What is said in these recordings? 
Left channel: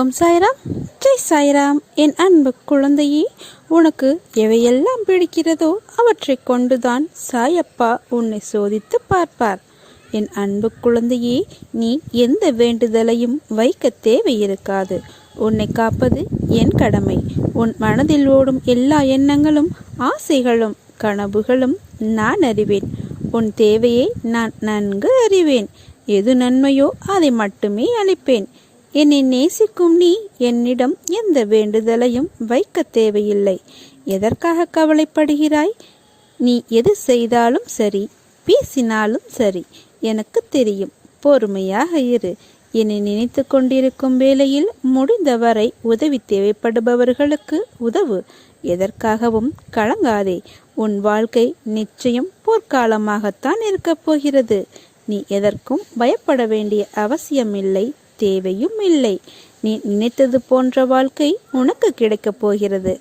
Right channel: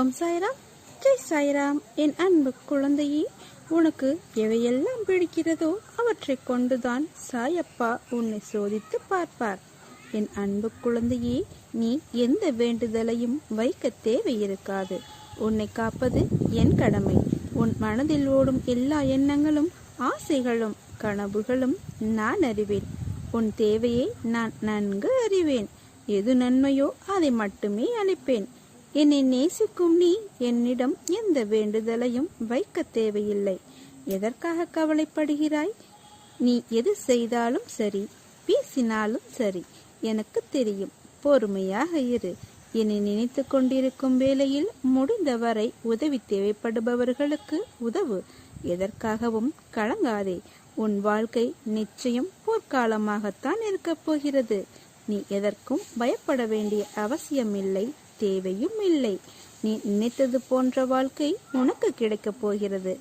ஓம் சாய்ராம், ஜெய் சாய்ராம். என் அன்பு குழந்தையே, உனக்கு எவையெல்லாம் பிடிக்கிறதோ அவற்றை கொண்டுதான் சாயப்பா உன்னை சோதித்து பார்ப்பார். என் அன்பு குழந்தையே, நீ எந்த வேண்டுதலையும் வைக்க தேவையிருக்காது. உன்னை காப்பது என் கடமை. உன் மனதில் ஓடும் எல்லா எண்ணங்களும், ஆசைகளும், கனவுகளும் நான் அறிவேன். உன் தேவையை நான் நன்கு அறிவேன். எது நன்மையோ அதை மட்டுமே அளிப்பேன். என்னை நேசிக்கும் நீ என்னிடம் எந்த வேண்டுதலையும் வைக்க தேவையில்லை. எதற்காக கவலைப்படுகிறாய்? நீ எது செய்தாலும் சரி, பேசினாலும் சரி, எனக்கு தெரியும். பொறுமையாக இரு. என்னை நினைத்து கொண்டிருக்கும் வேளையில் முடிந்தவரை உதவி தேவைப்படுபவர்களுக்கு உதவு. எதற்காகவும் கலங்காதே. உன் வாழ்க்கை நிச்சயம் போர்க்காலமாகத்தான் இருக்கப் போகிறது. நீ எதற்கும் பயப்பட வேண்டிய அவசியமில்லை, தேவையும் இல்லை. நீ நினைத்தது போன்ற வாழ்க்கை உனக்கு கிடைக்கப் போகிறது.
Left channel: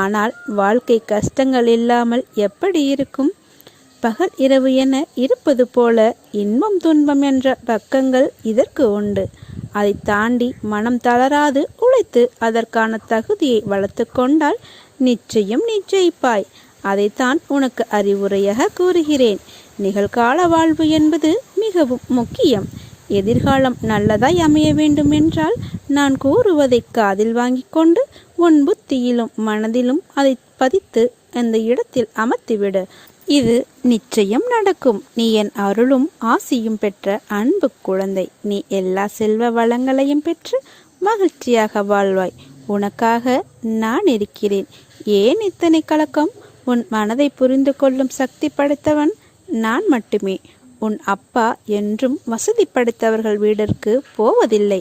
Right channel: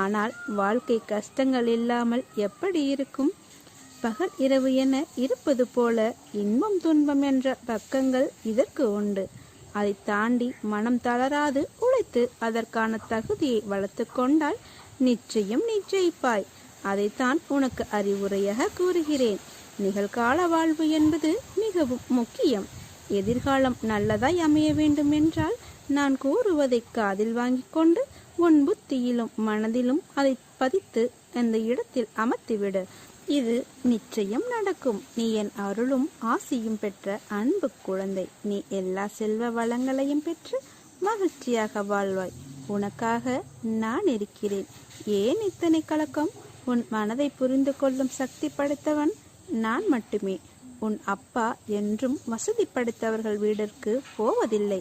ஆனால் வாழ்க்கை கஷ்டங்கள் இல்லாமல் எப்படி இருக்கும்? பகல் இரவு என இருப்பது போல இன்பம் துன்பம் என்ற பக்கங்கள் இதற்கு உண்டு. அதை தாண்டி மனம் தளராது உழைத்து அதற்கான தகுதியை வளர்த்து கொண்டால் நிச்சயம் ஜெயிப்பாய். அதைத்தான் உனக்கு அறிவுரையாக கூறுகிறேன். நிகழ்கால வாழ்வு என்பது மிகவும் முக்கியம். எதிர்காலம் நல்லதாய் அமைய வேண்டும் என்றால் நான் கூறுவதை காதில் வாங்கி கொண்டு உன் புத்தியிலும் மனதிலும் அதை பதித்து அந்த இடத்தில் அமர்த்திவிடு. இது நிச்சயம் நடக்கும். நீ என் அருளும் ஆசியும் பெற்ற அன்பு குழந்தை. நீ எல்லா செல்வ வளங்களையும் பெற்று மகிழ்ச்சியாக வாழ்வாய். உனக்காக நான் இருக்கிறேன். ஏன் இத்தனை கலக்கம்? உன் மனதை புரிந்து கொள்ளும் சக்தி படைத்தவன் நான் மட்டுமே. உன் அப்பா என்றும் வசதி படைத்தவர்கள் வீட்டிற்கு போவதில்லை.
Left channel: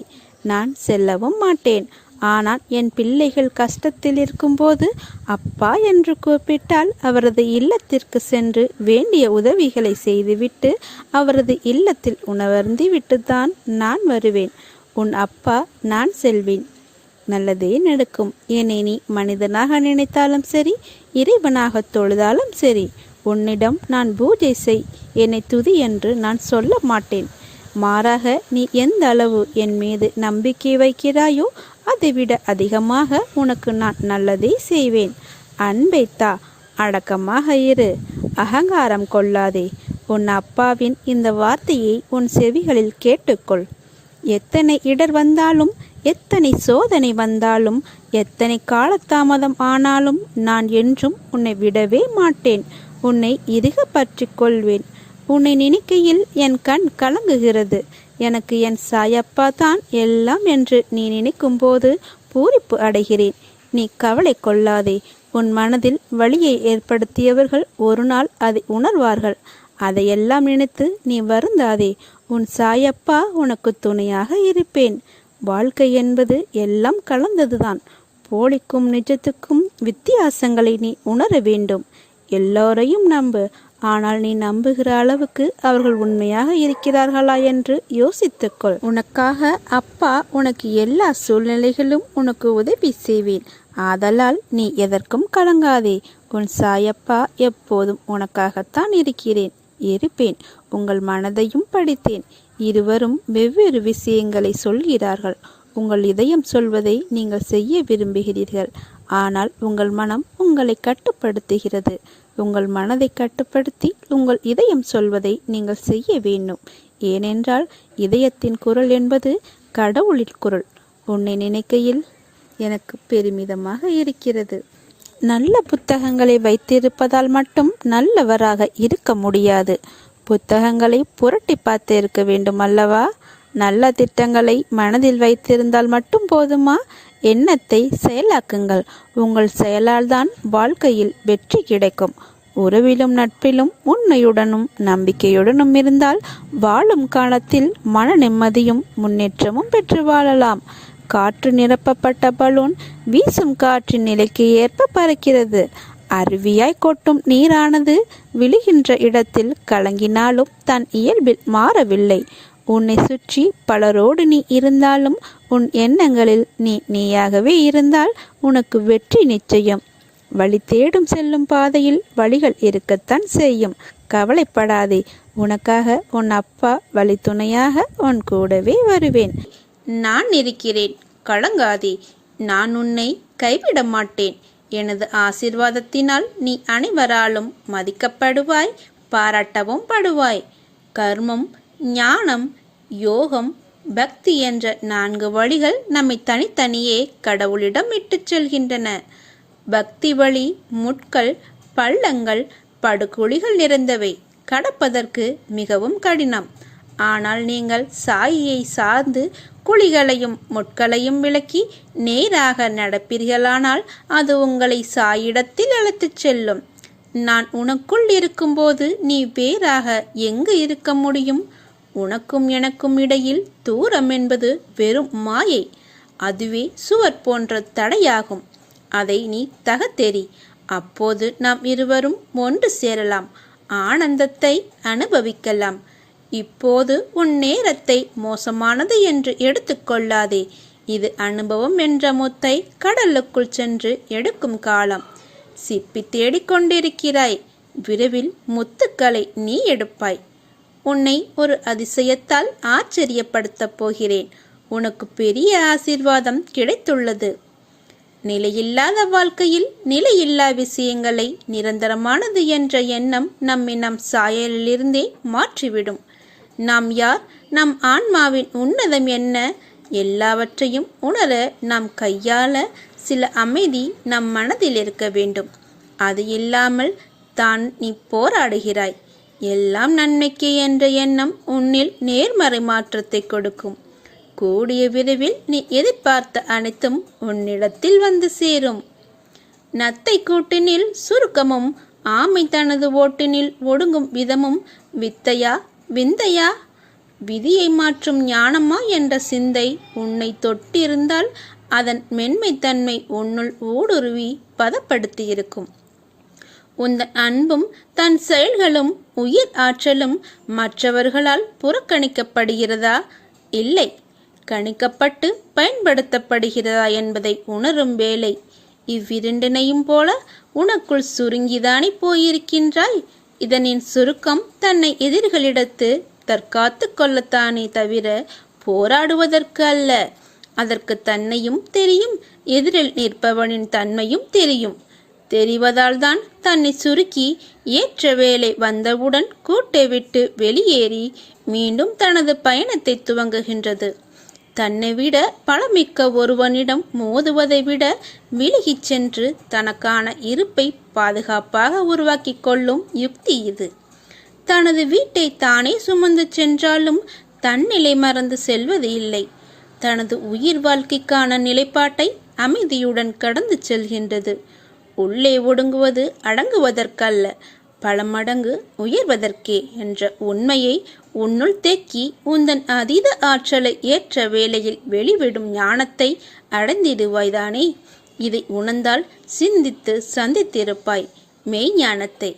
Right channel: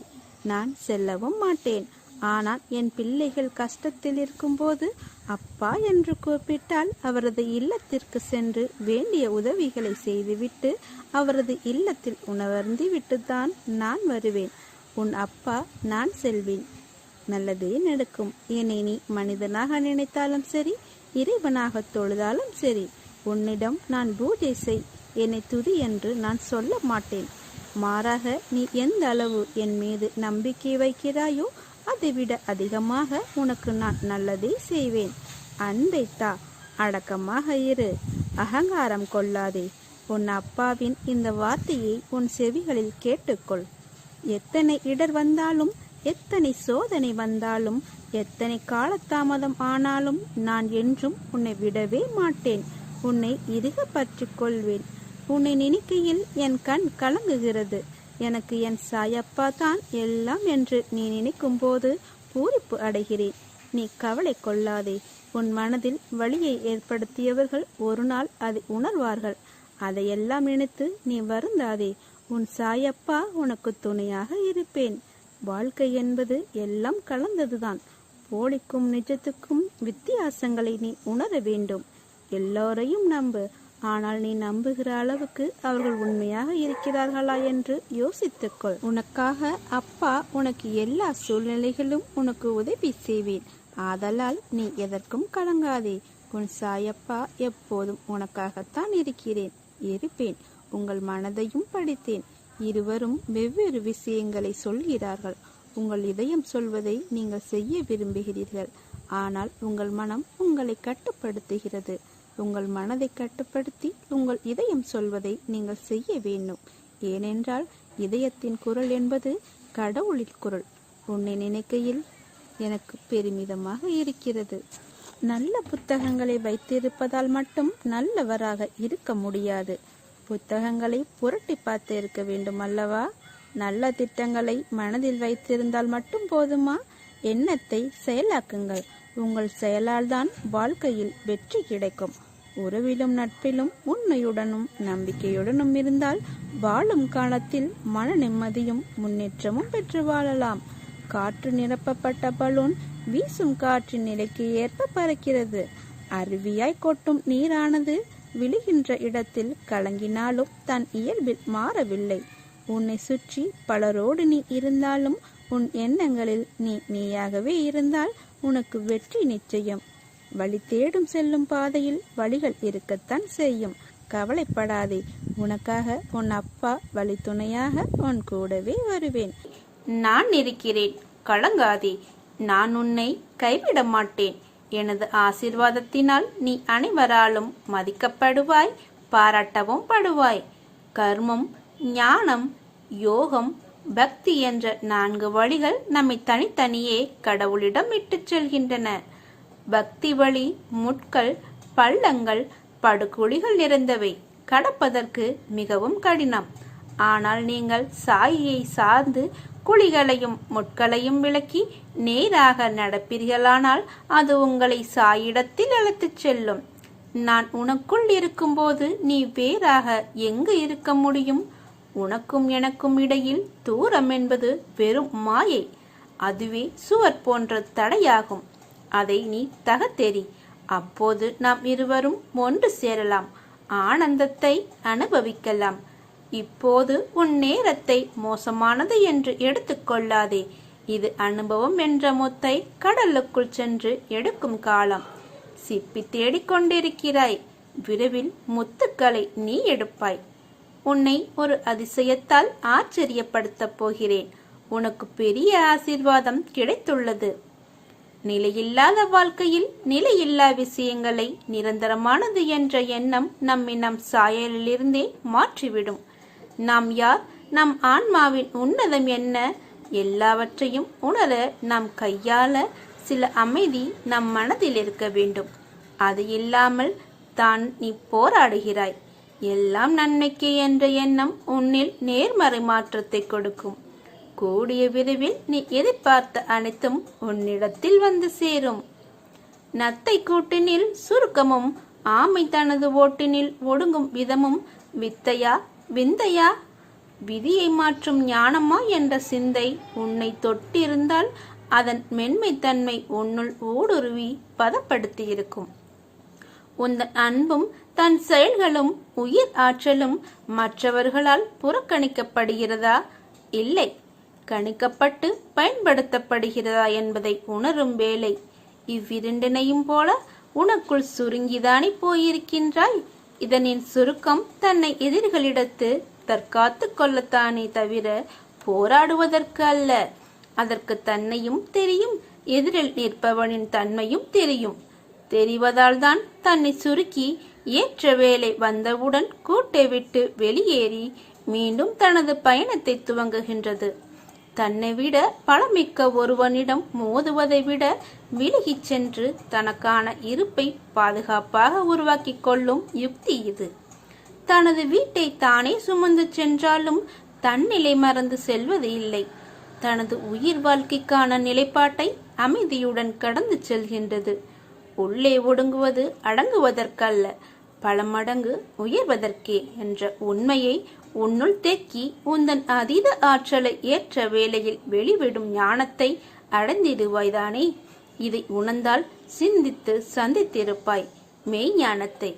நான் செல்லவும் மாட்டேன். ஆனால் என் பிள்ளைகள் கஷ்டத்தில் இருக்கும்போது அப்பா என்று கூப்பிட்டால் அவரது இல்லத்திற்கு சென்று வேண்டிய உதவிகளை செய்துவிட்டு அவரது இல்லத்தில் உணவருந்தி விட்டுத்தான் நான் வருவேன். உன் அப்பா நான் செல்வேன். நல்லதே நடக்கும். என்னை நீ மனிதனாக நினைத்தாலும் சரி, இறைவனாக தொழுதாலும் சரி, உன்னிடம் நான் பூஜை செய், என்னை துதி என்று நான் சொல்ல மாட்டேன். மாறாக நீ எந்த அளவு என் மீது நம்பிக்கை வைக்கிறாயோ அதைவிட அதிகமாக உனக்கு நான் நல்லதே செய்வேன். அன்பைத்தா, அடக்கமாக இரு, அகங்காரம் கொள்ளாதே. உன் அப்பாவின் இந்த வார்த்தையை உன் செவிகளில் கேட்டுக்கொள். எத்தனை இடர் வந்தாலும், எத்தனை சோதனை வந்தாலும், எத்தனை காலதாமதம் ஆனாலும் நான் என்றும் உன்னை விடவே மாட்டேன். உன்னை இறுக பற்றி கொள்வேன். உன்னை நினைக்கையில் என் கண் கலங்குகிறது. எனக்கு என் சாயப்பா தான் எல்லாம் என்று நீ நினைக்கும் போது பூரிப்பு அடைகிறேன். நீ கவலை கொள்ளாதே. உன் மனதில் வலியை ஏற்படுத்தியவர்கள் ஒரு நாள் அதை உணர்வார்கள். அதையெல்லாம் நினைத்து நீ வருந்தாதே. உன் சாயப்பா உனக்கு துணையாக இருப்பேன். வாழ்க்கை என்பது எல்லாம் கலந்ததுதான். போலிக்கும் நிஜத்துக்கும் வித்தியாசங்களை நீ உணர வேண்டும். எல்லோரையும் நம்பு. ஆனால் நீ நம்புகிற அளவுக்கு அவர்கள் உண்மையாக இருக்கிறார்களா என்று யோசித்துக்கொள். உனக்காக அப்பா உனக்கு எல்லா சூழ்நிலைகளும் உனக்கு உதவி செய்வேன். ஆதலால் நீ எதற்கும் கலங்காதே. உன் சாயப்பா எப்போதும் உனக்காகத்தான் இருப்பேன். உங்கள் மனதையும் படித்தேன். இருவரும் வெவ்வேறு விஷயங்களை சொல்கிறார்கள். உங்கள் இதயம் சொல்வதை நீங்கள் செய்ய விரும்புகிறீர்கள். ஆனால் உங்கள் மனம் உங்களை கட்டுப்படுத்துகிறது. உங்கள் மனதை கட்டுப்படுத்தி உங்கள் இதயம் சொல்வதை நீங்கள் செய்ய வேண்டும். ஏனென்றால் இதயத்தின் குரல் என்பது கடவுளின் குரல். உன்னை நினைக்கையில் எனக்கு பெருமிதமாக இருக்கிறது. நல்ல புத்தகங்களை வைத்திருப்பதால் மட்டும் நல்லவராக இருக்க முடியாது. புத்தகங்களை புரட்டி பார்த்து இருக்க வேண்டும் அல்லவா? நல்ல திட்டங்களை மனதில் வைத்திருந்தால் மட்டும் போதுமா? எண்ணத்தை செயலாக்குங்கள். உங்கள் செயலால் தான் வாழ்க்கையில் வெற்றி கிடைக்கும். உறவிலும் நட்பிலும் உண்மையுடனும் நம்பிக்கையுடனும் இருந்தால் வாழும் காலத்தில் மன நிம்மதியும் முன்னேற்றமும் பெற்று வாழலாம். காற்று நிரப்பப்பட்ட பலூன் வீசும் காற்றின் நிலைக்கு ஏற்ப பறக்கிறது. அருவியாய் கொட்டும் நீரானது விழுகின்ற இடத்தில் கலங்கினாலும் தன் இயல்பில் மாறவில்லை. உன்னை சுற்றி பலரோடு நீ இருந்தாலும் உன் எண்ணங்களில் நீயாகவே இருந்தால் உனக்கு வெற்றி நிச்சயம். வழி தேடும் செல்லும் பாதையில் வழிகள் இருக்கத்தான் செய்யும். கவலைப்படாதே. உனக்காக உன் அப்பா வழி துணையாக உன் கூடவே வருவேன். நான் இருக்கிறேன். கலங்காதே, நான் உன்னை கைவிட மாட்டேன். எனது ஆசீர்வாதத்தினால் நீ அனைவராலும் மதிக்கப்படுவாய், பாராட்டவும் படுவாய். கர்மம், ஞானம், யோகம், பக்தி என்ற 4 வழிகள் நம்மை தனித்தனியே கடவுளிடம் இட்டுச் செல்கின்றன. பக்தி வழி முட்கள், பள்ளங்கள், படுகுழிகள் நிறைந்தவை, கடப்பதற்கு மிகவும் கடினம். ஆனால் நீங்கள் சாயியை சார்ந்து குழிகளையும் முட்களையும் விலக்கி நேராக நடப்பீர்களானால் அது உங்களை சாயிடத்தில் அழைத்துச் செல்லும். நான் உனக்குள் இருக்கும்போது நீ வேறாக எங்கு இருக்க முடியும்? உனக்கும் எனக்கும் இடையில் தூரம் என்பது வெறும் மாயை. அதுவே சுவர் போன்ற தடையாகும். அதை நீ தகத்தெறி. அப்போது நாம் இருவரும் ஒன்று சேரலாம், ஆனந்தத்தை அனுபவிக்கலாம். இப்போது உன் நேரத்தை மோசமானது என்று எடுத்துக்கொள்ளாதே. இது அனுபவம் என்ற முத்தை கடலுக்குள் சென்று எடுக்கும் காலம். சிப்பி தேடிக்கொண்டிருக்கிறாய், விரைவில் முத்துக்களை நீ எடுப்பாய். உன்னை ஒரு அதிசயத்தால் ஆச்சரியப்படுத்தப் போகிறேன். உனக்கு பெரிய ஆசீர்வாதம் கிடைத்துள்ளது. நிலையில்லாத வாழ்க்கையில் நிலையில்லா விஷயங்களை நிரந்தரமானது என்ற எண்ணம் நம்மை நம் சாயலிலிருந்தே மாற்றிவிடும். நாம் யார், நம் ஆன்மாவின் உன்னதம் என்ன, எல்லாவற்றையும் உணர நாம் கையாள சில அமைதி நம் மனதில் இருக்க வேண்டும். அது இல்லாமல் தான் நீ போராடுகிறாய். எல்லாம் நன்மைக்கே என்ற எண்ணம் உன்னில் நேர்மறை மாற்றத்தை கொடுக்கும். கூடிய விரைவில் நீ எதிர்பார்த்த அனைத்தும் உன்னிடத்தில் வந்து சேரும். நத்தை கூட்டினில் சுருக்கமும், ஆமை தனது ஓட்டினில் ஒடுங்கும் விதமும் வித்தையா விந்தையா? விதியை மாற்றும் ஞானமா என்ற சிந்தை உன்னை தொட்டிருந்தால் அதன் மென்மைத்தன்மை உன்னுள் ஊடுருவி பதப்படுத்தியிருக்கும். உந்தன் அன்பும் தன் செயல்களும் உயிர் ஆற்றலும் மற்றவர்களால் புறக்கணிக்கப்படுகிறதா, இல்லை கணிக்கப்பட்டு பயன்படுத்தப்படுகிறதா என்பதை உணரும் வேளை. இவ்விரண்டினையும் போல உனக்குள் சுருங்கிதானே போயிருக்கின்றாய். இதனின் சுருக்கம் தன்னை எதிரிகளிடத்து தற்காத்து கொள்ளத்தானே தவிர போராடுவதற்கு அல்ல. அதற்கு தன்னையும் தெரியும், எதிரில் நிற்பவனின் தன்மையும் தெரியும். தெரிவதால் தான் தன்னை சுருக்கி ஏற்ற வேலை வந்தவுடன் கூட்டை விட்டு வெளியேறி மீண்டும் தனது பயணத்தை துவங்குகின்றது. தன்னை விட பலமிக்க ஒருவனிடம் மோதுவதை விட விலகிச் சென்று தனக்கான இருப்பை பாதுகாப்பாக உருவாக்கி கொள்ளும் யுக்தி இது. தனது வீட்டை தானே சுமந்து சென்றாலும் தன்னிலை மறந்து செல்வது இல்லை. தனது உயிர் வாழ்க்கைக்கான நிலைப்பாட்டை அமைதியுடன் கடந்து செல்கின்றது. உள்ளே ஒடுங்குவது அடங்குவதற்கல்ல, பல மடங்கு உயர்வதற்கே என்ற உண்மையை உன்னுள் தேக்கி உந்தன் அதீத ஆற்றலை ஏற்ற வேளையில் வெளிவிடும் ஞானத்தை அடைந்திடுவாய்தானே. இதை உணர்ந்தால் சிந்தித்து சந்தித்திருப்பாய் மெய்ஞானத்தை.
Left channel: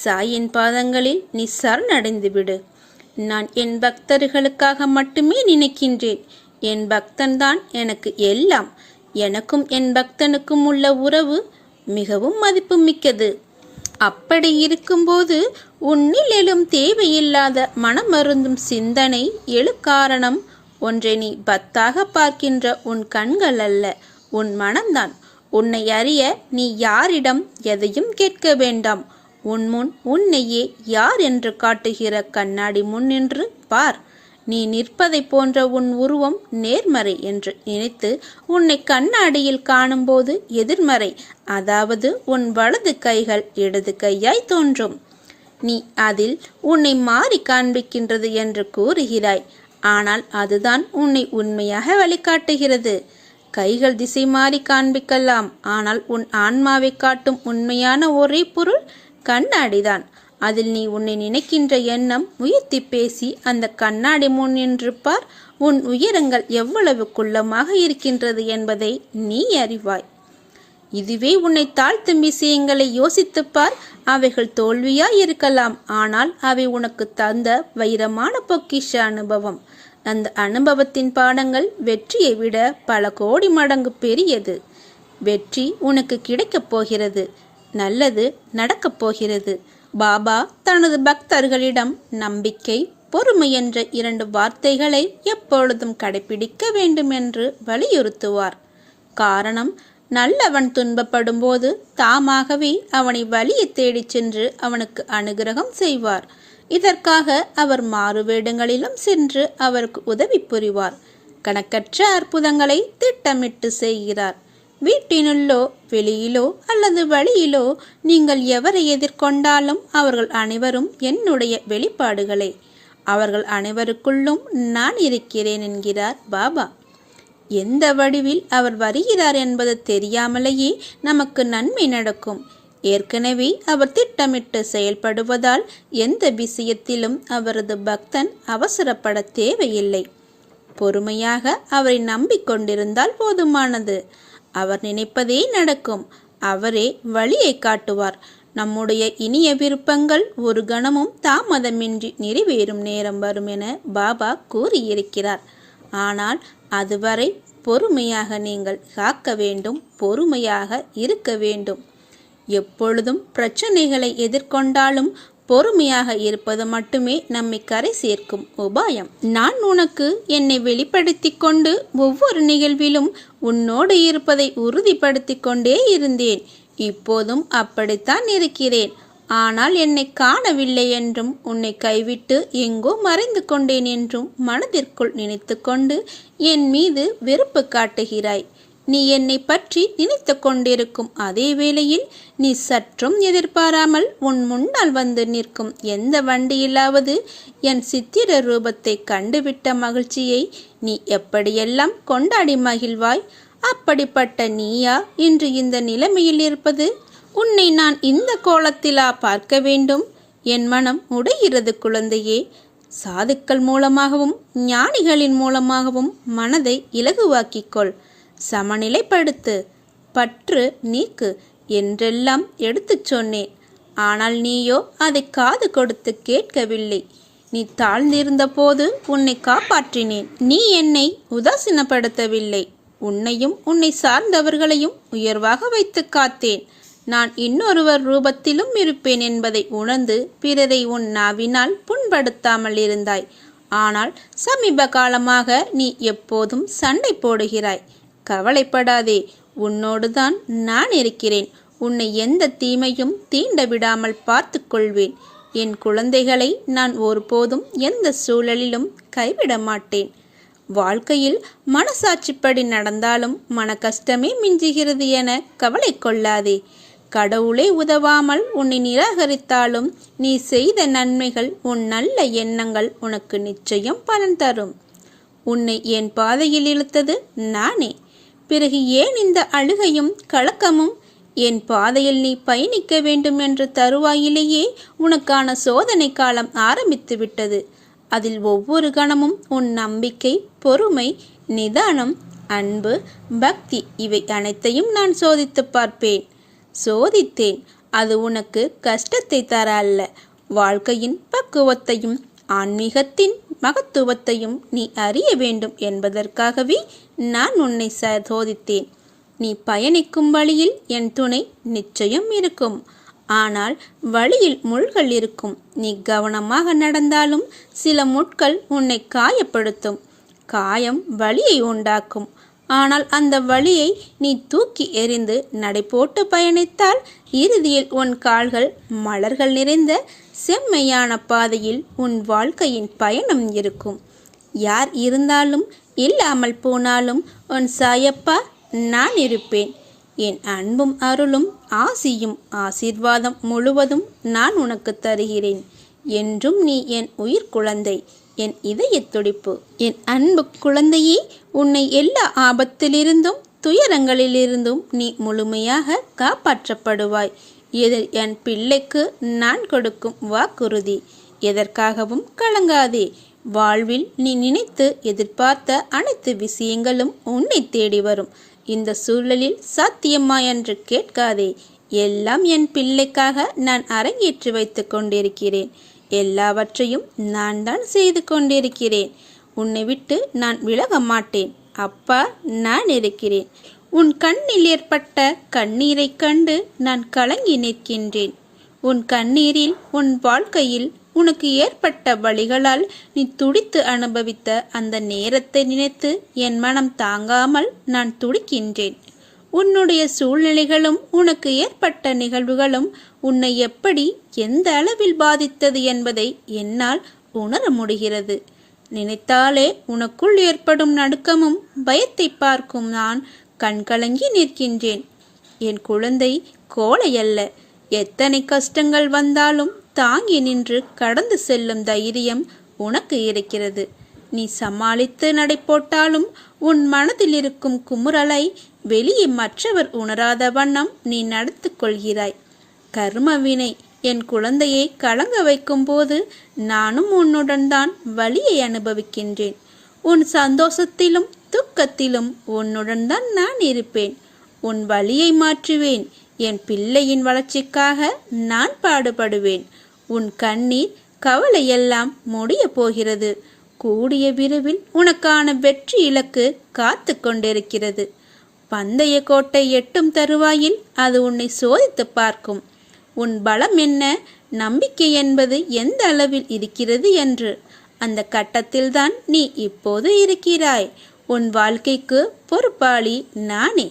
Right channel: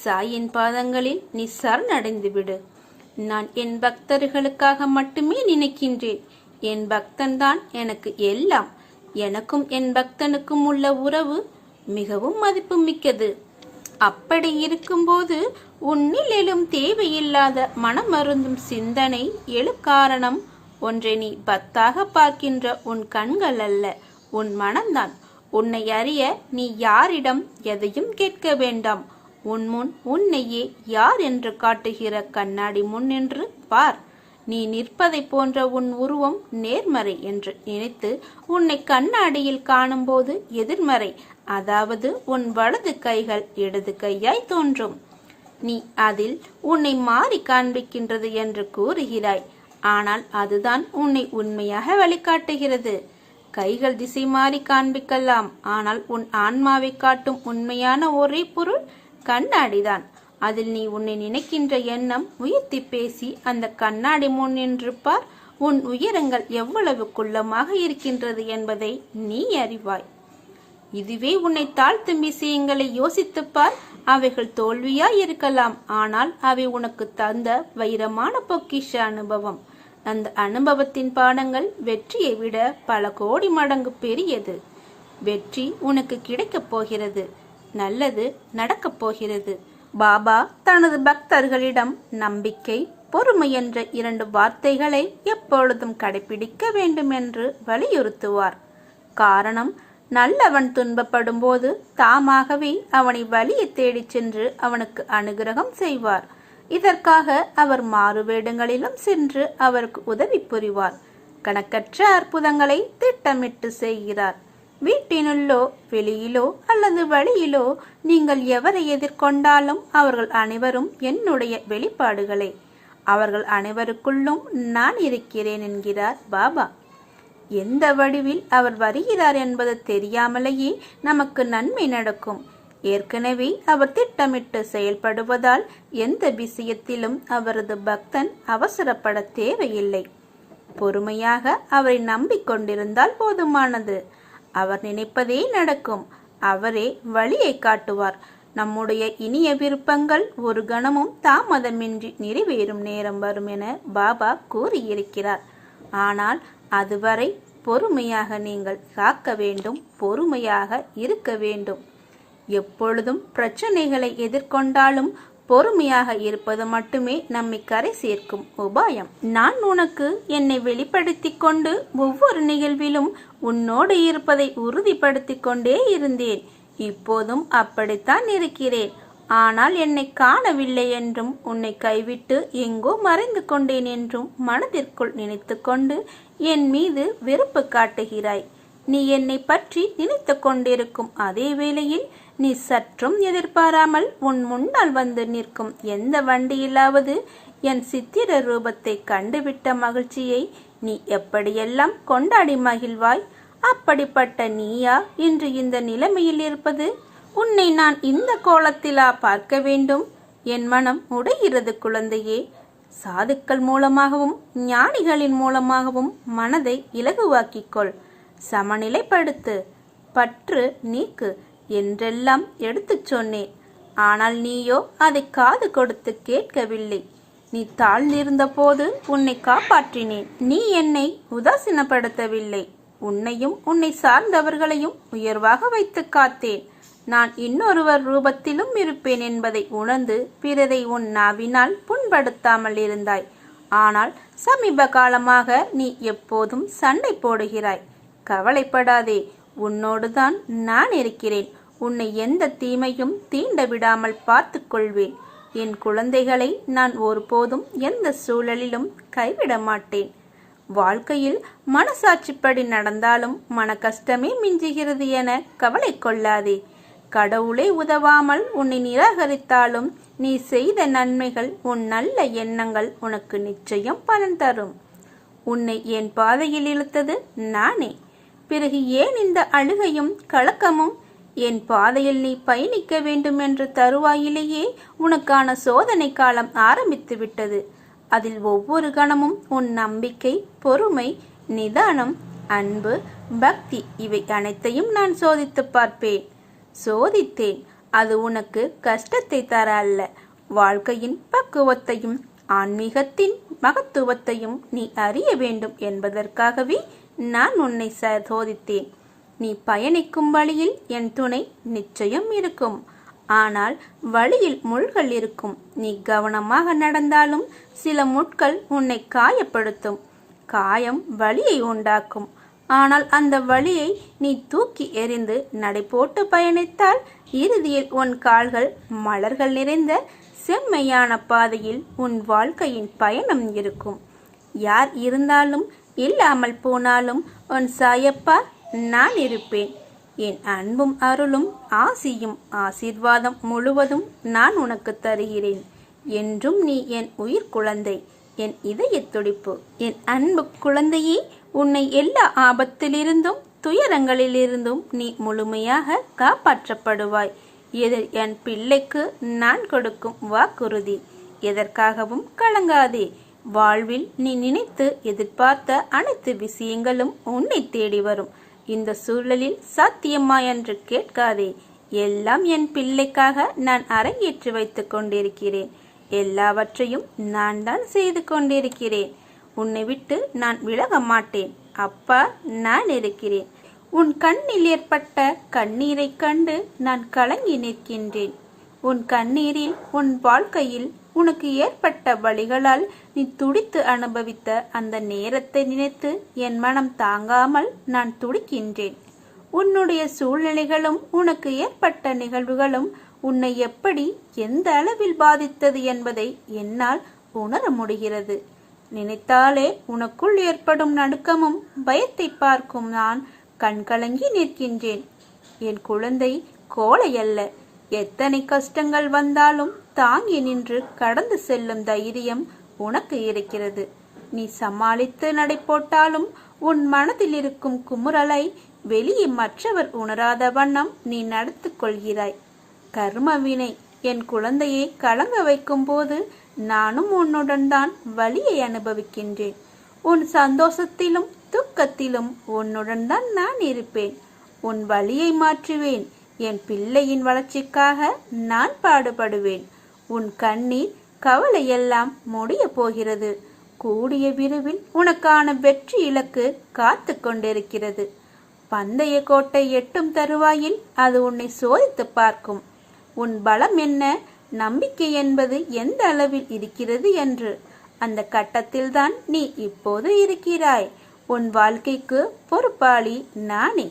சாயின் பாதங்களில் நீ சரணடைந்து விடு. நான் என் பக்தர்களுக்காக மட்டுமே நினைக்கின்றேன். என் பக்தன்தான் எனக்கு எல்லாம். எனக்கும் என் பக்தனுக்கும் உள்ள உறவு மிகவும் மதிப்பு மிக்கது. அப்படி இருக்கும்போது உன்னில் எழும் தேவையில்லாத மனமருந்தும் சிந்தனை எழு காரணம் ஒன்றை நீ பத்தாக பார்க்கின்ற உன் கண்கள் அல்ல, உன் மனம்தான். உன்னை அறிய நீ யாரிடம் எதையும் கேட்க வேண்டாம். உன் முன் உன்னையே யார் என்று காட்டுகிற கண்ணாடி முன் நின்று பார். நீ நிற்பதை போன்ற உன் உருவம் நேர்மறை என்று நினைத்து உன்னை கண்ணாடியில் காணும்போது எதிர்மறை, அதாவது உன் வலது கைகள் இடது கையாய் தோன்றும். நீ அதில் உன்னை மாறி காண்பிக்கின்றது என்று கூறுகிறாய். ஆனால் அதுதான் உன்னை உண்மையாக வழிகாட்டுகிறது. கைகள் திசை மாறி காண்பிக்கலாம், ஆனால் உன் ஆன்மாவை காட்டும் உண்மையான ஒரே பொருள் கண்ணாடிதான். அதில் நீ உன்னை நினைக்கின்ற எண்ணம் உயர்த்தி பேசி அந்த கண்ணாடி முன் நின்று பார். உன் உயரங்கள் எவ்வளவு குள்ளமாக இருக்கின்றது என்பதை நீ அறிவாய். இதுவே உன்னை தாழ்த்தும் விஷயங்களை யோசித்துப்பார். அவைகள் தோல்வியாய் இருக்கலாம், ஆனால் அவை உனக்கு தந்த வைரமான பொக்கிஷ அனுபவம். அந்த அனுபவத்தின் பாடங்கள் வெற்றியை விட பல கோடி மடங்கு பெரியது. வெற்றி உனக்கு கிடைக்கப் போகிறது. நல்லது நடக்கப் போகிறது. பாபா தனது பக்தர்களிடம் நம்பிக்கை, பொறுமை என்ற 2 வார்த்தைகளை எப்பொழுதும் கடைபிடிக்க வேண்டும் என்று வலியுறுத்துவார். காரணம், நல்லவன் துன்பப்படும் போது தாமாகவே அவனை வழியை தேடிச் சென்று அவனுக்கு அனுகிரகம் செய்வார். இதற்காக அவர் மாறுவேடங்களிலும் சென்று அவருக்கு உதவி புரிவார். கணக்கற்ற அற்புதங்களை திட்டமிட்டு செய்கிறார். வீட்டினுள்ளோ வெளியிலோ அல்லது வழியிலோ நீங்கள் எவரை எதிர்கொண்டாலும் அவர்கள் அனைவரும் என்னுடைய வெளிப்பாடுகளே. அவர்கள் அனைவருக்குள்ளும் நான் இருக்கிறேன் என்கிறார் பாபா. எந்த வடிவில் அவர் வருகிறார் என்பது தெரியாமலேயே நமக்கு நன்மை நடக்கும். ஏற்கனவே அவர் திட்டமிட்டு செயல்படுவதால் எந்த விஷயத்திலும் அவரது பக்தன் அவசரப்பட தேவையில்லை. பொறுமையாக அவரை நம்பிக்கொண்டிருந்தால் போதுமானது. அவர் நினைப்பதே நடக்கும். அவரே வழியை காட்டுவார். நம்முடைய இனிய விருப்பங்கள் ஒரு கணமும் தாமதமின்றி நிறைவேறும் நேரம் வரும் என பாபா கூறியிருக்கிறார். ஆனால் அதுவரை பொறுமையாக நீங்கள் காக்க வேண்டும், பொறுமையாக இருக்க வேண்டும். எப்பொழுதும் பிரச்சனைகளை எதிர்கொண்டாலும் பொறுமையாக இருப்பது மட்டுமே நம்மை கரை சேர்க்கும் உபாயம். நான் உனக்கு என்னை வெளிப்படுத்தி கொண்டு ஒவ்வொரு நிகழ்விலும் உன்னோடு இருப்பதை உறுதிப்படுத்தி கொண்டே இருந்தேன். இப்போதும் அப்படித்தான் இருக்கிறேன். ஆனால் என்னை காணவில்லை என்றும் உன்னை கைவிட்டு எங்கோ மறைந்து கொண்டேன் என்றும் மனதிற்குள் நினைத்து கொண்டு என் மீது வெறுப்பு காட்டுகிறாய். நீ என்னை பற்றி நினைத்து கொண்டிருக்கும் அதே வேளையில் நீ சற்றும் எதிர்பாராமல் உன் முன்னால் வந்து நிற்கும் எந்த வண்டியிலாவது என் சித்திர ரூபத்தை கண்டுவிட்ட மகிழ்ச்சியை நீ எப்படியெல்லாம் கொண்டாடி மகிழ்வாய். அப்படிப்பட்ட நீயா இன்று இந்த நிலைமையில் இருப்பது? உன்னை நான் இந்த கோலத்திலா பார்க்க வேண்டும்? என் மனம் உடைகிறது குழந்தையே. சாதுக்கள் மூலமாகவும் ஞானிகளின் மூலமாகவும் மனதை இலகுவாக்கிக்கொள். சமநிலைப்படுத்து, பற்று நீக்கு என்றெல்லாம் எடுத்துச் சொன்னேன். ஆனால் நீயோ அதை காது கொடுத்து கேட்கவில்லை. நீ தாழ்ந்திருந்த போது உன்னை காப்பாற்றினேன். நீ என்னை உதாசீனப்படுத்தவில்லை. உன்னையும் உன்னை சார்ந்தவர்களையும் உயர்வாக வைத்து காத்தேன். நான் இன்னொருவர் ரூபத்திலும் இருப்பேன் என்பதை உணர்ந்து பிறரை உன் நாவினால் புண்படுத்தாமல் இருந்தாய். ஆனால் சமீப காலமாக நீ எப்போதும் சண்டை போடுகிறாய். கவலைப்படாதே, உன்னோடுதான் நான் இருக்கிறேன். உன்னை எந்த தீமையும் தீண்ட விடாமல் பார்த்து கொள்வேன். என் குழந்தைகளை நான் ஒருபோதும் எந்த சூழலிலும் கைவிட மாட்டேன். வாழ்க்கையில் மனசாட்சிப்படி நடந்தாலும் மன கஷ்டமே மிஞ்சுகிறது என கவலை கொள்ளாதே. கடவுளே உதவாமல் உன்னை நிராகரித்தாலும் நீ செய்த நன்மைகள், உன் நல்ல எண்ணங்கள் உனக்கு நிச்சயம் பலன் தரும். உன்னை என் பாதையில் இழுத்தது நானே. பிறகு ஏன் இந்த அழுகையும் கலக்கமும்? என் பாதையில் நீ பயணிக்க வேண்டும் என்ற தருவாயிலேயே உனக்கான சோதனை காலம் ஆரம்பித்து விட்டது. அதில் ஒவ்வொரு கணமும் உன் நம்பிக்கை, பொறுமை, நிதானம், அன்பு, பக்தி இவை அனைத்தையும் நான் சோதித்து பார்ப்பேன். சோதித்தேன். அது உனக்கு கஷ்டத்தை தர அல்ல, வாழ்க்கையின் பக்குவத்தையும் ஆன்மீகத்தின் மகத்துவத்தையும் நீ அறிய வேண்டும் என்பதற்காகவே நான் உன்னை சோதித்தேன். நீ பயணிக்கும் வழியில் என் துணை நிச்சயம் இருக்கும். ஆனால் வழியில் முள்கள் இருக்கும். நீ கவனமாக நடந்தாலும் சில முட்கள் உன்னை காயப்படுத்தும். காயம் வலியை உண்டாக்கும். ஆனால் அந்த வலியை நீ தூக்கி எறிந்து நடைபோட்டு பயணித்தால் இறுதியில் உன் கால்கள் மலர்கள் நிறைந்த செம்மையான பாதையில் உன் வாழ்க்கையின் பயணம் இருக்கும். யார் இருந்தாலும் இல்லாமல் போனாலும் உன் சாயப்பா நான் இருப்பேன். என் அன்பும் அருளும் ஆசியும் ஆசீர்வாதம் முழுவதும் நான் உனக்கு தருகிறேன். என்றும் நீ என் உயிர் குழந்தை, என் இதய துடிப்பு. என் அன்பு குழந்தையே, உன்னை எல்லா ஆபத்திலிருந்தும் துயரங்களிலிருந்தும் நீ முழுமையாக காப்பாற்றப்படுவாய். இது என் பிள்ளைக்கு நான் கொடுக்கும் வாக்குறுதி. எதற்காகவும் கலங்காதே. வாழ்வில் நீ நினைத்து எதிர்பார்த்த அனைத்து விஷயங்களும் உன்னை தேடி வரும். இந்த சூழலில் சாத்தியமா என்று கேட்காதே. எல்லாம் என் பிள்ளைக்காக நான் அரங்கேற்றி வைத்து கொண்டிருக்கிறேன். எல்லாவற்றையும் நான் தான் செய்து கொண்டிருக்கிறேன். உன்னை விட்டு நான் விலக மாட்டேன். அப்பா நான் இருக்கிறேன். உன் கண்ணில் ஏற்பட்ட கண்ணீரை கண்டு நான் கலங்கி நிற்கின்றேன். உன் கண்ணீரில் உன் வாழ்க்கையில் உனக்கு ஏற்பட்ட வலிகளால் நீ துடித்து அனுபவித்த அந்த நேரத்தை நினைத்து என் மனம் தாங்காமல் நான் துடிக்கின்றேன். உன்னுடைய சூழ்நிலைகளும் உனக்கு ஏற்பட்ட நிகழ்வுகளும் உன்னை எப்படி எந்த அளவில் பாதித்தது என்பதை என்னால் உணர முடிகிறது. நினைத்தாலே உனக்குள் ஏற்படும் நடுக்கமும் பயத்தை பார்க்கும் நான் கண்கலங்கி நிற்கின்றேன். என் குழந்தை கோழையல்ல. எத்தனை கஷ்டங்கள் வந்தாலும் தாங்கி நின்று கடந்து செல்லும் தைரியம் உனக்கு இருக்கிறது. நீ சமாளித்து நடை போட்டாலும் உன் மனதில் இருக்கும் குமுறலை வெளியே மற்றவர் உணராத வண்ணம் நீ நடத்து கொள்கிறாய். கர்மவினை என் குழந்தையை கலங்க வைக்கும் போது நானும் உன்னுடன் தான் வலியை அனுபவிக்கின்றேன். உன் சந்தோஷத்திலும் துக்கத்திலும் உன்னுடன் தான் நான் இருப்பேன். உன் வலியை மாற்றுவேன். என் பிள்ளையின் வளர்ச்சிக்காக நான் பாடுபடுவேன். உன் கண்ணீர் கவலையெல்லாம் முடிய போகிறது. கூடிய விரைவில் உனக்கான வெற்றி இலக்கு காத்து கொண்டிருக்கிறது. பந்தய கோட்டை எட்டும் தருவாயில் அது உன்னை சோதித்து பார்க்கும். உன் பலம் என்ன, நம்பிக்கை என்பது எந்த அளவில் இருக்கிறது என்று. அந்த கட்டத்தில்தான் நீ இப்போது இருக்கிறாய். உன் வாழ்க்கைக்கு பொறுப்பாளி நானே.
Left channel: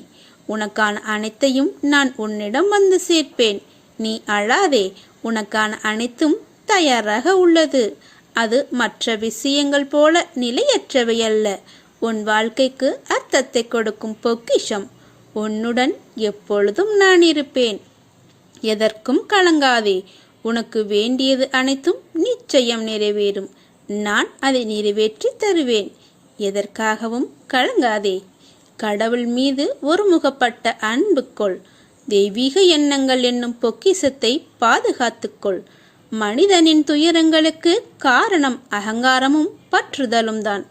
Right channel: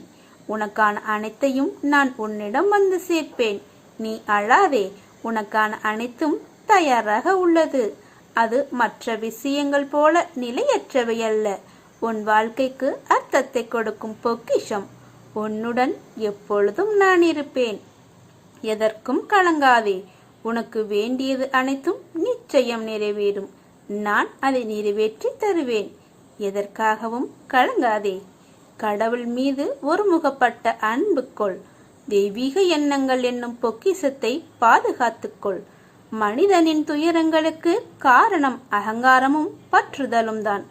உனக்கான அனைத்தையும் நான் உன்னிடம் வந்து சேர்ப்பேன். நீ அழாதே. உனக்கான அனைத்தும் தயாராக உள்ளது. அது மற்ற விஷயங்கள் போல நிலையற்றவை அல்ல. உன் வாழ்க்கைக்கு அர்த்தத்தை கொடுக்கும் பொக்கிஷம். உன்னுடன் எப்பொழுதும் நான் இருப்பேன். எதற்கும் கலங்காதே. உனக்கு வேண்டியது அனைத்தும் நிச்சயம் நிறைவேறும். நான் அதை நிறைவேற்றி தருவேன். எதற்காகவும் கலங்காதே. கடவுள் மீது ஒருமுகப்பட்ட அன்பு கொள். தெய்வீக எண்ணங்கள் என்னும் பொக்கிஷத்தை பாதுகாத்துக்கொள். மனிதனின் துயரங்களுக்கு காரணம் அகங்காரமும் பற்றுதலும் தான்.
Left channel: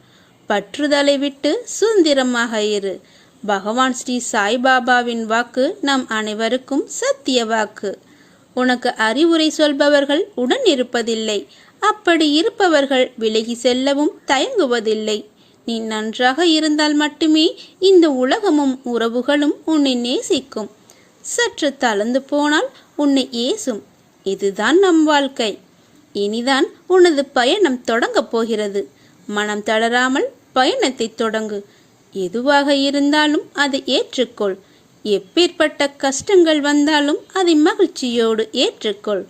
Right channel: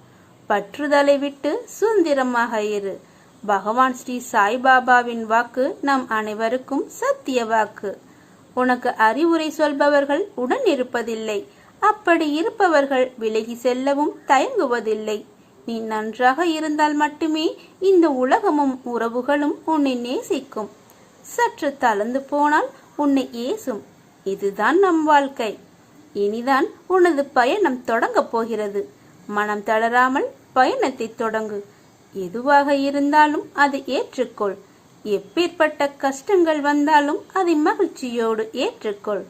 பற்றுதலை விட்டு சுதந்திரமாக இரு. பகவான் ஸ்ரீ சாய்பாபாவின் வாக்கு நம் அனைவருக்கும் சத்திய வாக்கு. உனக்கு அறிவுரை சொல்பவர்கள் உடன் இருப்பதில்லை. அப்படி இருப்பவர்கள் விலகி செல்லவும் தயங்குவதில்லை. நீ நன்றாக இருந்தால் மட்டுமே இந்த உலகமும் உறவுகளும் உன்னை நேசிக்கும். சற்று தளர்ந்து போனால் உன்னை ஏசும். இதுதான் நம் வாழ்க்கை. இனிதான் உனது பயணம் தொடங்கப் போகிறது. மனம் தளராமல் பயணத்தை தொடங்கு. எதுவாக இருந்தாலும் அதை ஏற்றுக்கொள். எப்பேற்பட்ட கஷ்டங்கள் வந்தாலும் அதை மகிழ்ச்சியோடு ஏற்றுக்கொள்.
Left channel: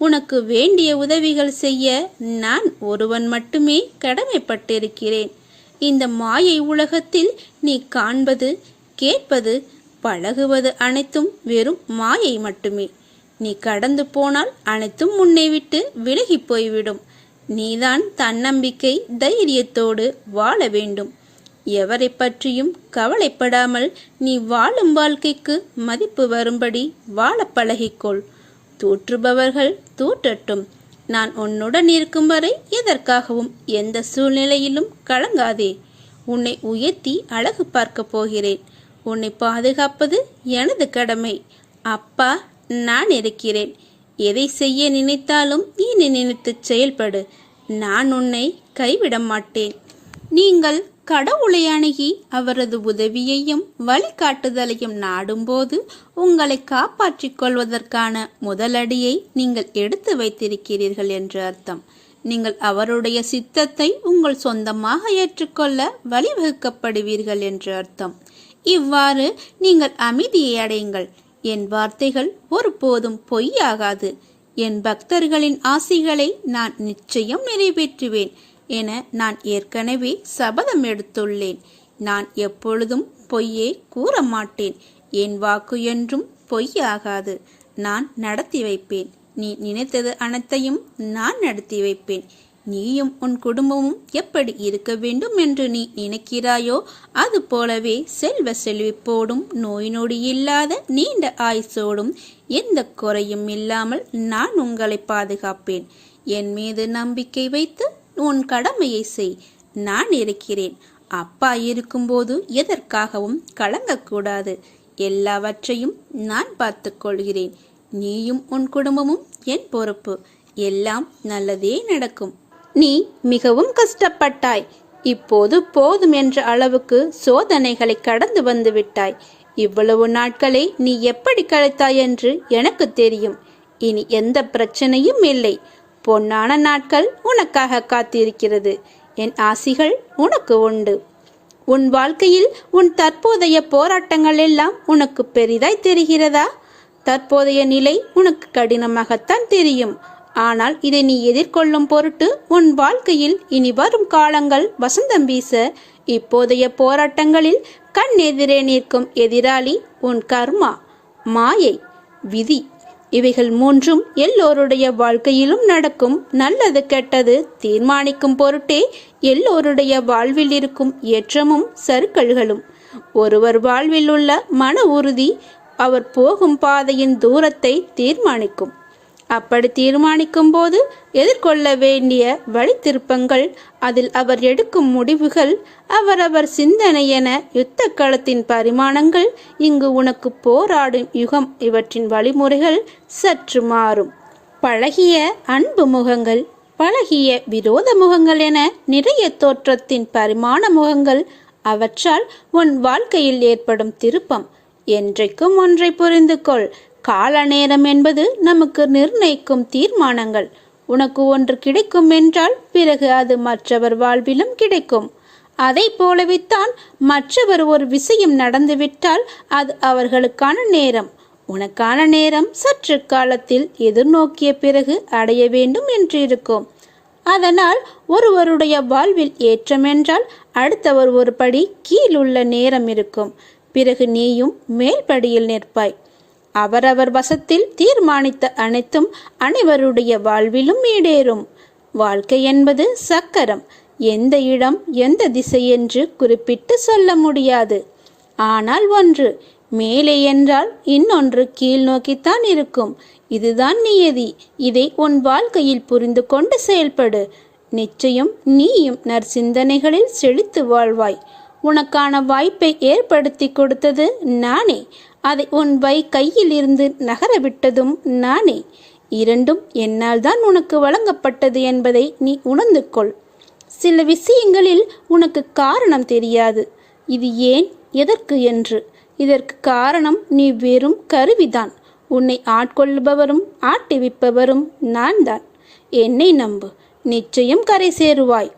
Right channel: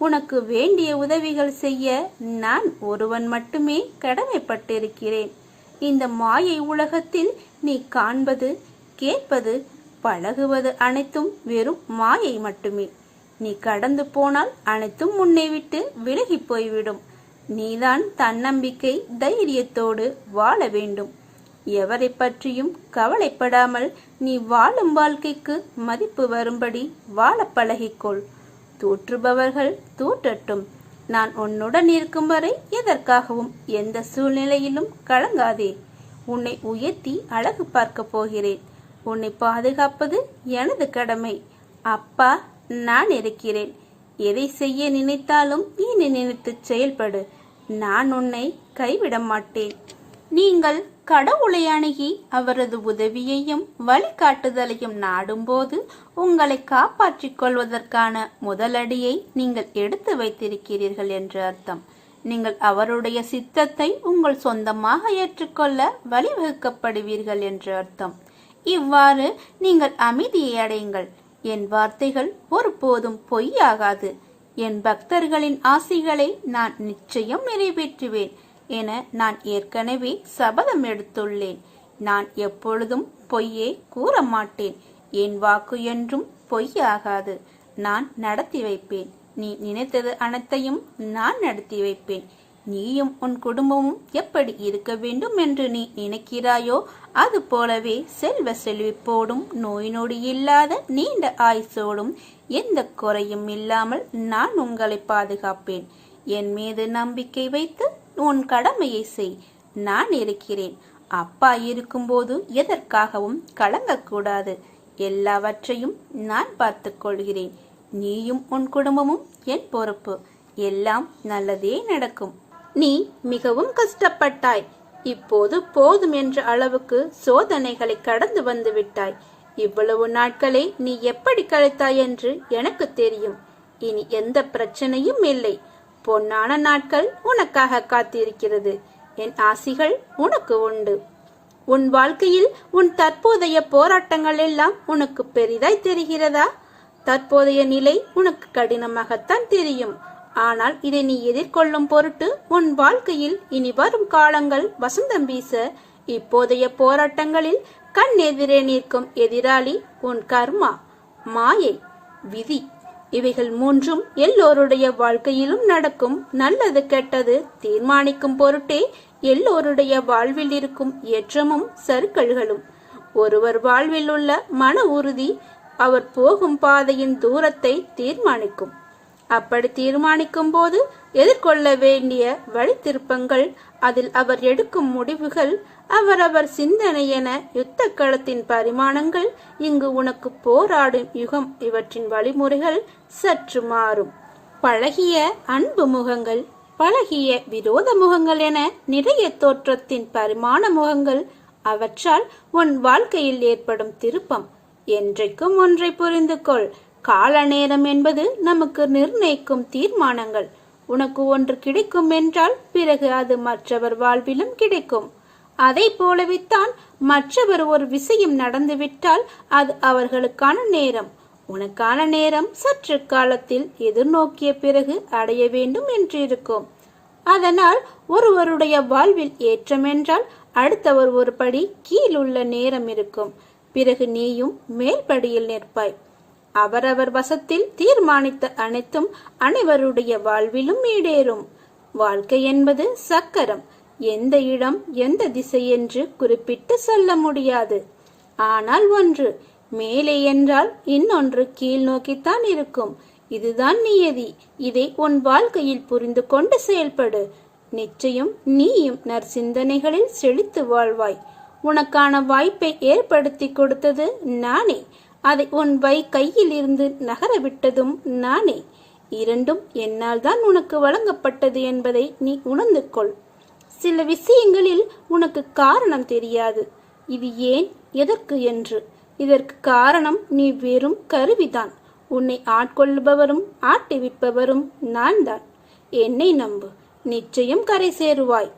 உனக்கு வேண்டிய உதவிகள் செய்ய நான் ஒருவன் மட்டுமே கடமைப்பட்டிருக்கிறேன். இந்த மாயை உலகத்தில் நீ காண்பது, கேட்பது, பழகுவது அனைத்தும் வெறும் மாயை மட்டுமே. நீ கடந்து போனால் அனைத்தும் உன்னை விட்டு விலகி போய்விடும். நீதான் தன்னம்பிக்கை தைரியத்தோடு வாழ வேண்டும். எவரை பற்றியும் கவலைப்படாமல் நீ வாழும் வாழ்க்கைக்கு மதிப்பு வரும்படி வாழ பழகிக்கொள். தூற்றுபவர்கள் தூற்றட்டும். நான் உன்னுடன் இருக்கும் வரை எதற்காகவும் எந்த சூழ்நிலையிலும் கலங்காதே. உன்னை உயர்த்தி அழகு பார்க்க போகிறேன். உன்னை பாதுகாப்பது எனது கடமை. அப்பா, நான் இருக்கிறேன். எதை செய்ய நினைத்தாலும் என்னை நினைத்து செயல்படு. நான் உன்னை கைவிட மாட்டேன். நீங்கள் கடவுளை அணுகி அவரது உதவியையும் வழிகாட்டுதலையும் நாடும்போது உங்களை காப்பாற்றிக் கொள்வதற்கான முதலடியை நீங்கள் எடுத்து வைத்திருக்கிறீர்கள் என்று அர்த்தம். நீங்கள் அவருடைய சித்தத்தை உங்கள் சொந்தமாக ஏற்றுக்கொள்ள வழிவகுக்கப்படுவீர்கள் என்று அர்த்தம். இவ்வாறு நீங்கள் அமைதியை அடையுங்கள். என் வார்த்தைகள் ஒருபோதும் பொய்யாகாது. என் பக்தர்களின் ஆசைகளை நான் நிச்சயம் நிறைவேற்றுவேன் என நான் ஏற்கனவே சபதம் எடுத்துள்ளேன். நான் எப்பொழுதும் பொய்யே கூற மாட்டேன். என் வாக்கு என்றும் பொய்யாகாது. நான் நடத்தி வைப்பேன். நீ நினைத்தது அனைத்தையும் நான் நடத்தி வைப்பேன். நீயும் உன் குடும்பமும் எப்படி இருக்க வேண்டும் என்று நீ நினைக்கிறாயோ அது போலவே செல்வ செழிப்போடும் நோய் நொடி இல்லாத நீண்ட ஆயுசோடும் எந்த குறையும் இல்லாமல் நான் உங்களை பாதுகாப்பேன். என் மீது நம்பிக்கை வைத்து உன் கடமையை செய். நான் இருக்கிறேன். அப்பா இருக்கும்போது எதற்காகவும் கலங்கக்கூடாது. எல்லாவற்றையும் நான் பார்த்துக் கொள்கிறேன். நீயும் உன் குடும்பமும் என் பொறுப்பு. எல்லாம் நல்லதே நடக்கும். நீ மிகவும் கஷ்டப்பட்டாய். இப்போது போதும் என்ற அளவுக்கு சோதனைகளை கடந்து வந்து விட்டாய். இவ்வளவு நாட்களை நீ எப்படி கழித்தாய் என்று எனக்கு தெரியும். இனி எந்த பிரச்சனையும் இல்லை. பொன்னான நாட்கள் உனக்காக காத்திருக்கிறது. என் ஆசிகள் உனக்கு உண்டு. உன் வாழ்க்கையில் உன் தற்போதைய போராட்டங்கள் எல்லாம் உனக்கு பெரிதாய் தெரிகிறதா? தற்போதைய நிலை உனக்கு கடினமாகத்தான் தெரியும். ஆனால் இதை நீ எதிர்கொள்ளும் பொருட்டு உன் வாழ்க்கையில் இனி வரும் காலங்கள் வசந்தம் வீச இப்போதைய போராட்டங்களில் கண் எதிரே நிற்கும் எதிராளி உன் கர்மா, மாயை, விதி. இவைகள் மூன்றும் எல்லோருடைய வாழ்க்கையிலும் நடக்கும். நல்லது கெட்டது தீர்மானிக்கும் பொருட்டே எல்லோருடைய வாழ்வில் இருக்கும் ஏற்றமும் சறுக்கல்களும். ஒருவர் வாழ்வில் உள்ள மன உறுதி அவர் போகும் பாதையின் தூரத்தை தீர்மானிக்கும். அப்படி தீர்மானிக்கும் போது எதிர்கொள்ள வேண்டிய வழித்திருப்பங்கள், அதில் அவர் எடுக்கும் முடிவுகள், அவரவர் சிந்தனை என யுத்த களத்தின் பரிமாணங்கள், இங்கு உனக்கு போராடும் யுகம் இவற்றின் வழிமுறைகள் சற்று மாறும். பழகிய அன்பு முகங்கள், பழகிய விரோத முகங்கள் என நிறைய தோற்றத்தின் பரிமாண முகங்கள். அவற்றால் உன் வாழ்க்கையில் ஏற்படும் திருப்பம். என்றைக்கும் ஒன்றை புரிந்து கொள். கால நேரம் என்பது நமக்கு நிர்ணயிக்கும் தீர்மானங்கள். உனக்கு ஒன்று கிடைக்கும் என்றால் பிறகு அது மற்றவர் வாழ்விலும் கிடைக்கும். அதை போலவித்தான் மற்றவர் ஒரு விஷயம் நடந்துவிட்டால் அது அவர்களுக்கான நேரம். உனக்கான நேரம் சற்று காலத்தில் எதிர்நோக்கிய பிறகு அடைய வேண்டும் என்று இருக்கும். அதனால் ஒருவருடைய வாழ்வில் ஏற்றம் என்றால் அடுத்தவர் ஒரு படி கீழுள்ள நேரம் இருக்கும். பிறகு நீயும் மேல்படியில் நிற்பாய். அவரவர் வசத்தில் தீர்மானித்த அனைத்தும் அனைவருடைய வாழ்விலும் ஈடேறும். வாழ்க்கை என்பது சக்கரம். எந்த இடம் எந்த திசை என்று குறிப்பிட்டு சொல்ல முடியாது. ஆனால் ஒன்று மேலே என்றால் இன்னொன்று கீழ் நோக்கித்தான் இருக்கும். இதுதான் நியதி. இதை உன் வாழ்க்கையில் புரிந்து கொண்டு செயல்படு. நிச்சயம் நீயும் நற்சிந்தனைகளில் செழித்து வாழ்வாய். உனக்கான வாய்ப்பை ஏற்படுத்தி கொடுத்தது நானே. அதை உன் கையில் இருந்து நகரவிட்டதும் நானே. இரண்டும் என்னால் தான் உனக்கு வழங்கப்பட்டது என்பதை நீ உணர்ந்து கொள். சில விஷயங்களில் உனக்கு காரணம் தெரியாது. இது ஏன், எதற்கு என்று. இதற்கு காரணம் நீ வெறும் கருவிதான். உன்னை ஆட்கொள்பவரும் ஆட்டிவிப்பவரும் நான் தான். என்னை நம்பு, நிச்சயம் கரை சேருவாய்.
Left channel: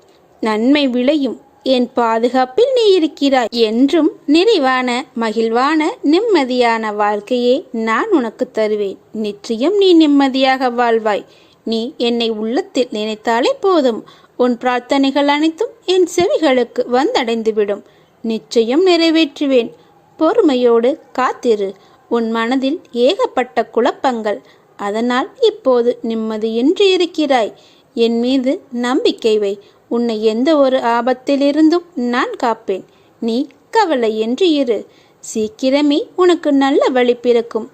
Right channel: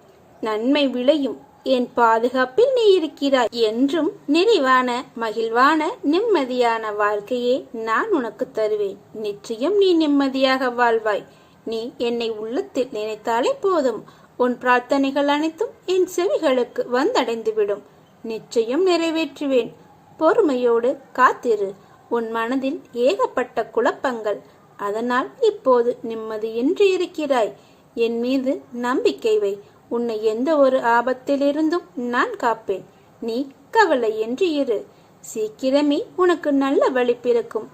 நன்மை விளையும். என் பாதுகாப்பில் நீ இருக்கிறாய். என்றும் நிறைவான மகிழ்வான நிம்மதியான வாழ்க்கையை நான் உனக்கு தருவேன். நிச்சயம் நீ நிம்மதியாக வாழ்வாய். நீ என்னை உள்ளத்தில் நினைத்தாலே போதும். உன் பிரார்த்தனைகள் அனைத்தும் என் செவிகளுக்கு வந்தடைந்துவிடும். நிச்சயம் நிறைவேற்றுவேன். பொறுமையோடு காத்திரு. உன் மனதில் ஏகப்பட்ட குழப்பங்கள். அதனால் இப்போது நிம்மதியின்றி இருக்கிறாய். என் மீது நம்பிக்கை வை. உன்னை எந்த ஒரு ஆபத்திலிருந்தும் நான் காப்பேன். நீ கவலையின்றி இரு. சீக்கிரமே உனக்கு நல்ல வழி பிறக்கும்.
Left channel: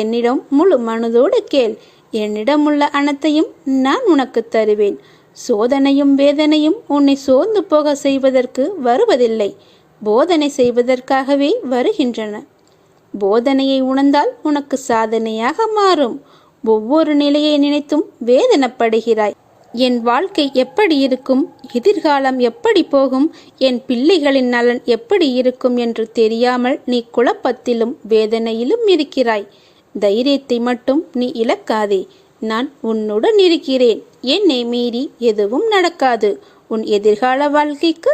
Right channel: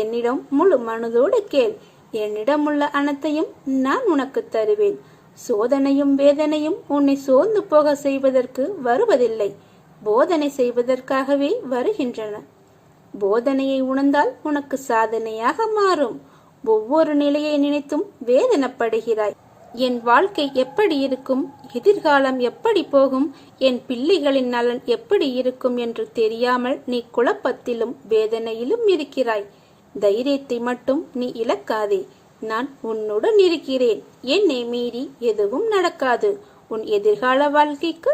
என்னிடம் முழு மனதோடு கேள். என்னிடமுள்ள அனைத்தையும் நான் உனக்கு தருவேன். சோதனையும் வேதனையும் உன்னை சோர்ந்து போக செய்வதற்கு வருவதில்லை. போதனை செய்வதற்காகவே வருகின்றன. போதனையை உணர்ந்தால் உனக்கு சாதனையாக மாறும். ஒவ்வொரு நிலையை நினைத்தும் வேதனைப்படுகிறாய். என் வாழ்க்கை எப்படி இருக்கும், எதிர்காலம் எப்படி போகும், என் பிள்ளைகளின் நலன் எப்படி இருக்கும் என்று தெரியாமல் நீ குழப்பத்திலும் வேதனையிலும் இருக்கிறாய். தைரியத்தை மட்டும் நீ இழக்காதே. நான் உன்னுடன் இருக்கிறேன். என்னை மீறி எதுவும் நடக்காது. உன் எதிர்கால வாழ்க்கைக்கு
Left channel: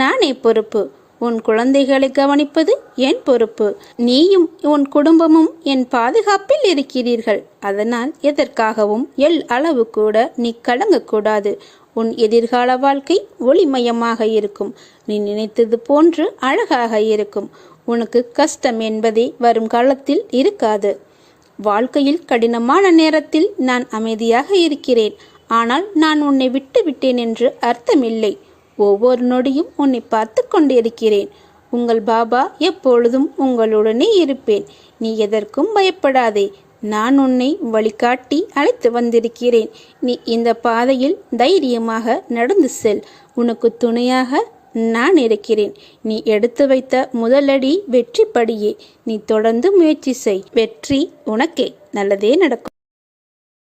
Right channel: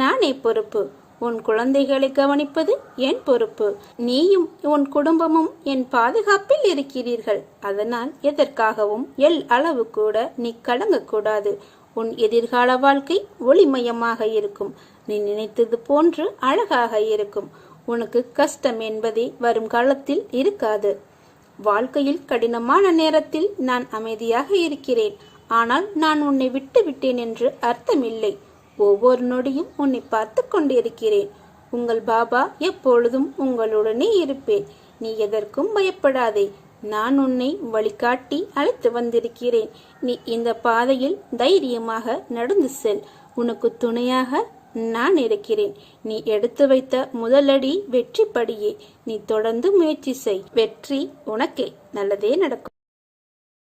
நானே பொறுப்பு. உன் குழந்தைகளை கவனிப்பது என் பொறுப்பு. நீயும் உன் குடும்பமும் என் பாதுகாப்பில் இருக்கிறீர்கள். அதனால் எதற்காகவும் அளவு கூட நீ கலங்கக்கூடாது. உன் எதிர்கால வாழ்க்கை ஒளிமயமாக இருக்கும். நீ நினைத்தது போன்று அழகாக இருக்கும். உனக்கு கஷ்டம் என்பதே வரும் காலத்தில் இருக்காது. வாழ்க்கையில் கடினமான நேரத்தில் நான் அமைதியாக இருக்கிறேன். ஆனால் நான் உன்னை விட்டு விட்டேன் என்று அர்த்தமில்லை. ஒவ்வொரு நொடியும் உன்னை பார்த்து கொண்டிருக்கிறேன். உங்கள் பாபா எப்பொழுதும் உங்களுடனே இருப்பேன். நீ எதற்கும் பயப்படாதே. நான் உன்னை வழிகாட்டி அழைத்து வந்திருக்கிறேன். நீ இந்த பாதையில் தைரியமாக நடந்து செல். உனக்கு துணையாக நான் இருக்கிறேன். நீ எடுத்து வைத்த முதலடி வெற்றி படியே. நீ தொடர்ந்து முயற்சி செய். வெற்றி உனக்கே. நல்லதே நடக்கும்.